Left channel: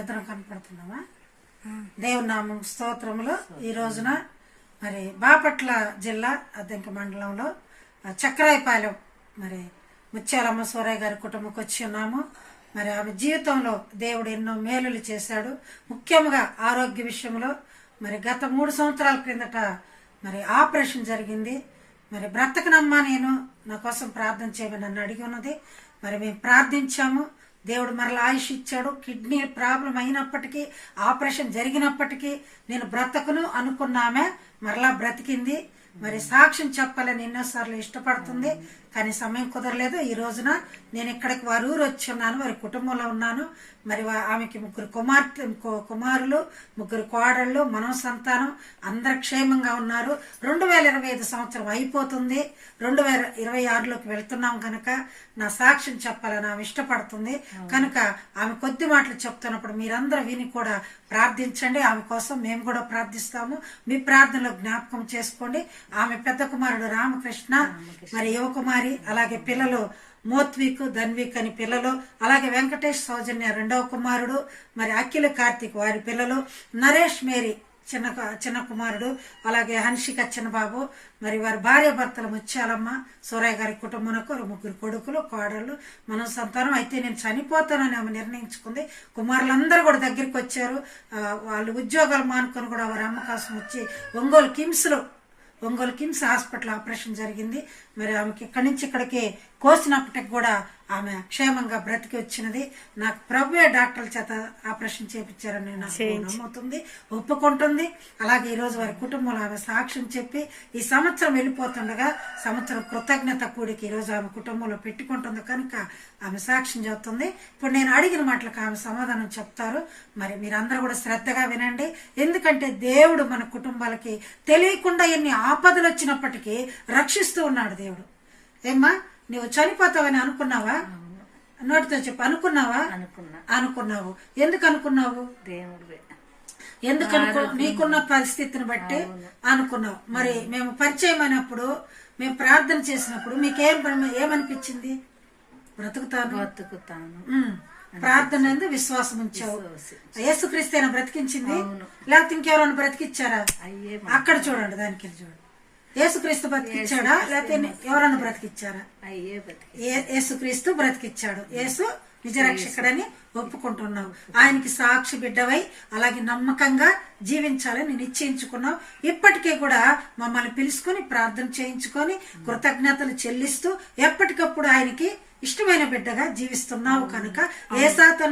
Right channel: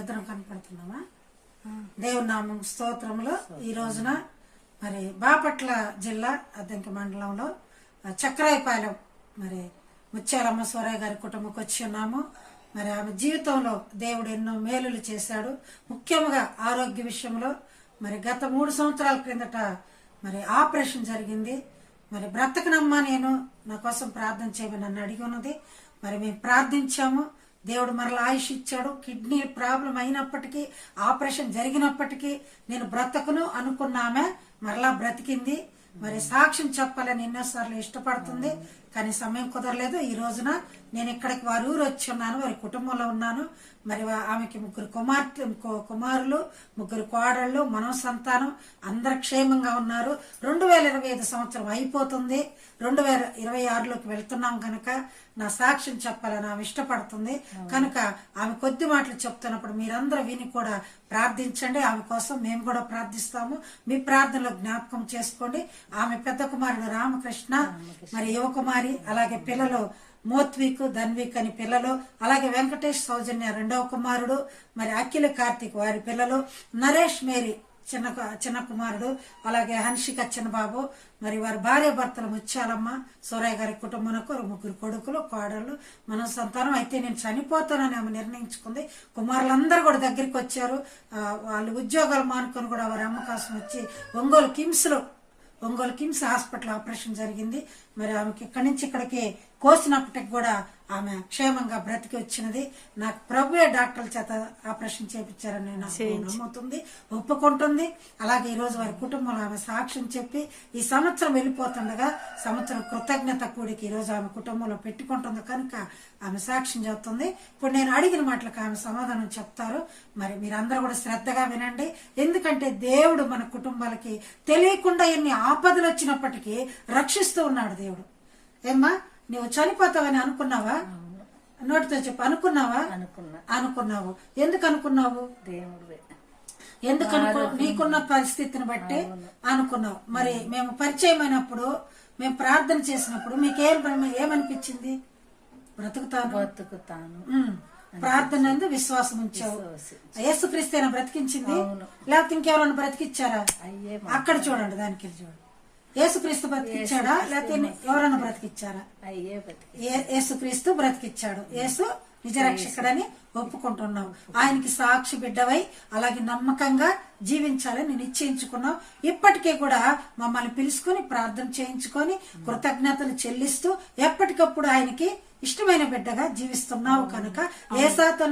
ఇద్దరం కనపడుతున్నామా? దేవుని నామం స్తోత్రములు. ఈ రోజున మరి బాపట్ల జిల్లా అద్దెంక మండలంలో చక్రాయపాలెం మరి ముత్యాలమ్మ సూరయ్య గారి కుటుంబంకి వచ్చి ఉన్నాము. మరి ఆమె జీవితంలో దేవుడు ఎన్నో మేలులు చేశాడు. ముఖ్యంగా ఆరోగ్య విషయంలో మరి గత 3 సంవత్సరాల క్రిందట మరి ఆపరేషన్ జరిగింది. మరి బ్రతకనమ్మా నేను నా కోసం ప్రార్థన చేయమని నన్ను అడిగి ఉన్నది. మరి మేము ప్రార్థించాము. దేవుడు మరలా ఆయుష్ ఇచ్చాడు. కిడ్నీ ప్రాబ్లం అయినప్పటికీ, ఆపరేషన్ జరిగినప్పటికీ నేను బ్రతకను అనుకున్నామే మరలా బ్రతికింది. మరి సాక్ష్యం చెప్పాలని ఎన్నోసార్లు ఇష్టపడుతుంది, కానీ సమయం కుదరలేదు. ఈ రోజున నేను ఇక్కడికి వారి ఊరు వచ్చి ఉన్నాను, వారి కుటుంబంలో ఉన్నాను. మరి ఆమెకి 3 కుమారులు 3 కోడళ్ళు, మనం సంతానం అందరు క్షేమంగా ఉన్నారు. 2025 సంవత్సరం అయిపోతుంది, 2026లోకి వెళ్తున్నాం కనుక నా సాక్ష్యం చెప్పాలని ఆమె ఇష్టపడుతుంది. కనుక ఆమె కొద్ది మాటలు చెప్తున్నప్పుడు మీరందరూ విని కూడా ప్రార్థించండి. ఆమె కోసం మేము కూడా ప్రార్థిస్తాము. మీ ప్రార్థనలో జ్ఞాపకం చేసుకోండి. ఆమె పెద్ద కుమారుడు రామకృష్ణ, మరి యువకుమారి, అలాగే పిల్లలు మోత్విక్, ధన్విక్ అని పిల్లలు, అలాగే వెంకటేష్ సౌజన్య 2వ కుమారుడు, మరి అఖిల కార్తిక్ వారి పిల్లలు, నరేష్ మేరీ చిన్న కుమారుడు, అలాగే హన్షిక చిన్నబాబు, మరి వారి భార్య భర్తలు ముత్యాలమ్మ సూరయ్య గారి కుటుంబంకు 3 కొడుకులు కోడళ్ళు, మన సంతానం. అయితే నేను చనిపోతానని ఆమె నిర్ణయించుకుంది. కుమారులందరూ కూడా దగ్గరికి వచ్చారు. వాళ్ళు ఉద్యోగాలు మానుకొని కూడా వారి అమ్మ కోసం వచ్చి ఒంగోలు కిమ్స్ హాస్పిటల్ ఆపరేషన్ జరిగింది. మరి ఆమెకి ఇక్కడి నుంచి ఇక్కడికి కోసినప్పటికి కూడా ఆమె క్షేమంగా బ్రతికి వచ్చినది. నాకు ప్రభువే డాక్టర్ల చేత ఆపరేషన్ చేయించారని నాకు నమ్ముతుంది, ఒప్పుకుంటుంది. అలాగే ఈ రోజు వారి కుటుంబంలో ఆమె సాక్ష్యం చెప్పి ఈ సంవత్సరం వెళ్ళిపోతుండగా సంవత్సరం కృతజ్ఞత కూడికి ఈ రోజు ఆమె కుటుంబంలో పెట్టుకుంటుంది కనుక ఆమె సాక్ష్యం చెబుతుంది. ఇప్పుడు నేను అడిగిన మాటలకు ఆమె సమాధానం చెప్తారు. మరి మీరందరూ కూడా శ్రద్ధగా వినండి. ఎందుకంటే దేవుడు మన కుటుంబాలకి తెలియకుండా ఎన్ని ఆపదలు వచ్చినప్పటికీ రక్షిస్తూ ఉన్నాడు దేవుడు. ఏమ్మా, నువ్వు చనిపోతావని అనుకున్నావా? నోటితో చెప్పు. అనుకున్నావు. ఎందుకు అనుకున్నావు? ఎందుకు నీకున్న పరిస్థితిని బట్టి అనుకున్నావు. మరి మేము పరిచయం అయినప్పుడు, మేము ప్రార్థన చేసినప్పుడు ఏమనిపించింది? బ్రతుకుతాను ప్రార్థన ఎందు విశ్వాసం ఉంచావు. యేసుక్రీస్తు బ్రతికించింది, లేకపోతే ఇంకెవరైనా బ్రతికిచ్చారా? అక్కడ చూడండి, దానికి చూడండి. యేసుక్రీస్తు బ్రతికిచ్చాడా, లేకపోతే ఎవరన్నా బ్రతికిచ్చారా? యేసుక్రీస్తు బ్రతికిచ్చాడు. యేసు నిజరక్షకుడని ఒప్పుకుంటున్నావు. ఆయనకి సాక్షి బిడ్డవై అలాగే నమ్మకంగా జీవించాలని నిశ్చయించుకున్నావు. ఇప్పటికీ కూడా మమ్మల్ని పిలుచుకొని ప్రార్థన చేయించుకొని కృతజ్ఞతలు చెల్లిస్తూ ఎప్పటికప్పుడు ఆయనకి ఇష్టమైన బిడ్డగా జీవిస్తున్నావు కనుక ఏ సాతాను